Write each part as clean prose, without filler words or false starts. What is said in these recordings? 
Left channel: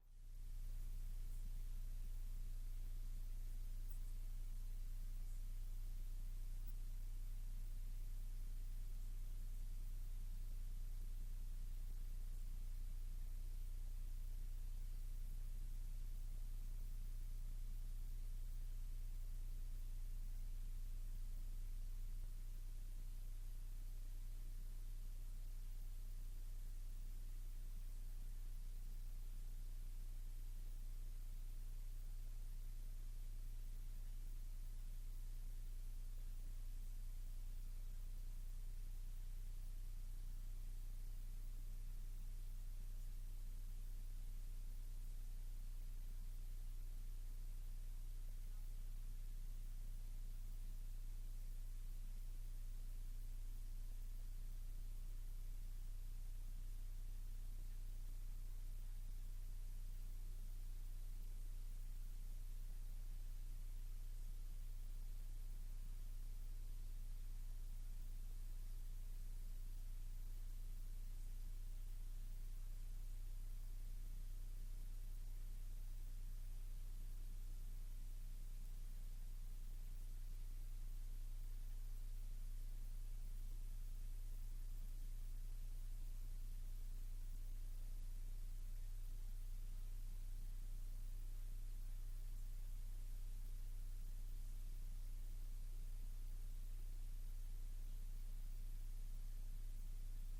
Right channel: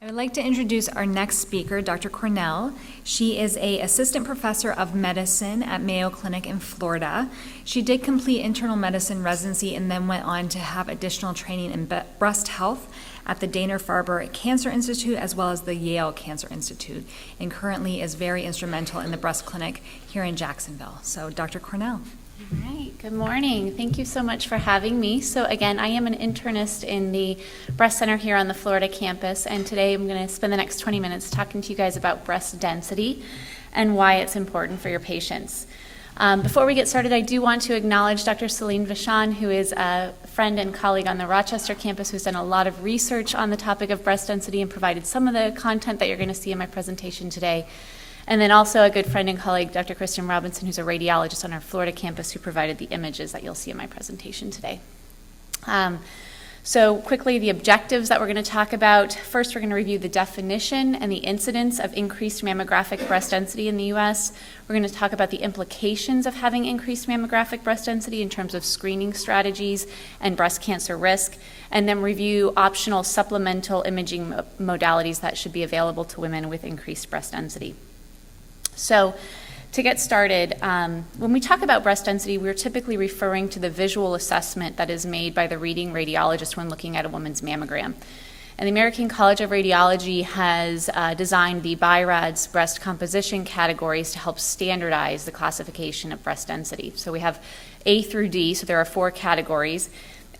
I would like to introduce our next speaker, Dr. Cornell. She is an assistant professor of medicine at Mayo Clinic in Florida. She did complete internal medicine residency and then went on to have additional training in breast health at the Dana-Farber Cancer Institute as well as the Yale Cancer Institute, and currently is very instrumental in the breast clinic here in Jacksonville. So, Dr. Cornell. All right, good morning. Thank you so much for having me. So again, I am an internist in the breast center here on the Florida campus, and today I'm going to spend the next 20 minutes talking to you guys about breast density and why it's important for your patients. Before we get started, I do want to acknowledge Dr. Celine Vachon, who is a friend and colleague on the Rochester campus who's done a lot of research on the topic of breast density and provided some of the content that you're going to see in my presentation today. And then also a good friend and colleague, Dr. Kristen Robinson, who's a radiologist on our Florida campus who provided the images that you'll see in my presentation today. So quickly, the objectives that we're going to talk about. First, we're going to review the definition and the incidence of increased mammographic breast density in the U.S. We're going to talk about the implications of having increased mammographic breast density in terms of screening strategies and breast cancer risk, and then review optional supplemental imaging modalities that should be available to women with increased breast density. So to get started, when we talk about breast density, we're typically referring to the visual assessment that is made by the reading radiologist when looking at a woman's mammogram. And the American College of Radiology has designed the BI-RADS breast composition categories to help standardize the classification of breast density. So we have A through D, so there are 4 categories.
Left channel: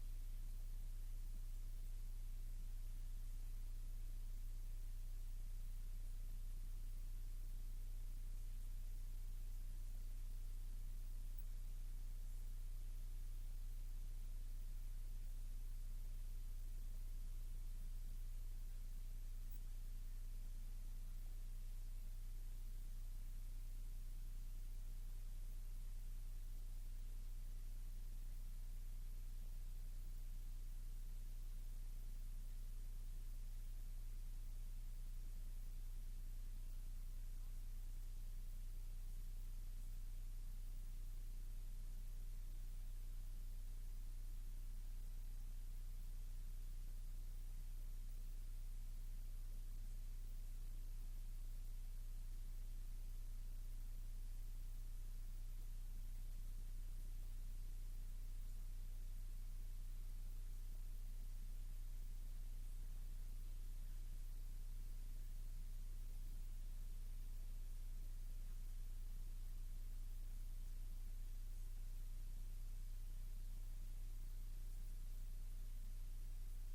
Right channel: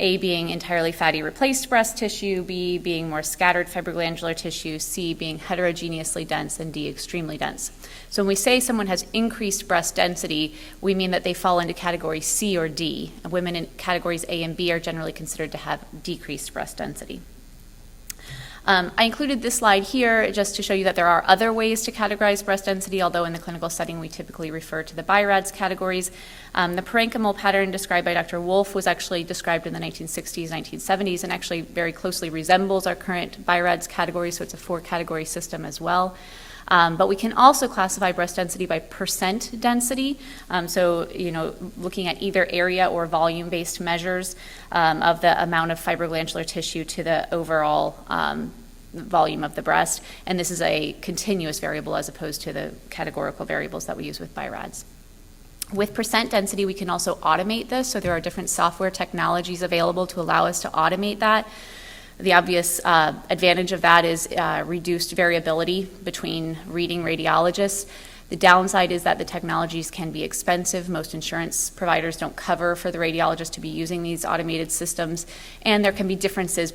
A being entirely fatty replaced breast tissue, B being more scattered fibroglandular tissue, C being heterogeneously dense, and D extremely dense. So when we say someone has increased breast density, we mean that they fall into category C or D. Women in categories A and B are generally considered to have decreased breast density. I included this slide here just to show you that there are other ways to categorize breast density, although in the clinical setting we typically refer to the BI-RADS categories. The parenchymal pattern described by Dr. Wolf was actually described in the 1960s, 1970s, and actually very closely resembles our current BI-RADS category, so it's a 4-category system as well. But we can also classify breast density by percent density, so looking at either area or volume-based measures of the amount of fibroglandular tissue to the overall volume of the breast, and this is a continuous variable as opposed to the categorical variables that we use with BI-RADS. With percent density, we can also automate this, so there are different software technologies available to allow us to automate that. The obvious advantage of that is reduced variability between reading radiologists. The downside is that the technologies can be expensive. Most insurance providers don't cover for the radiologist to be using these automated systems, and there can be differences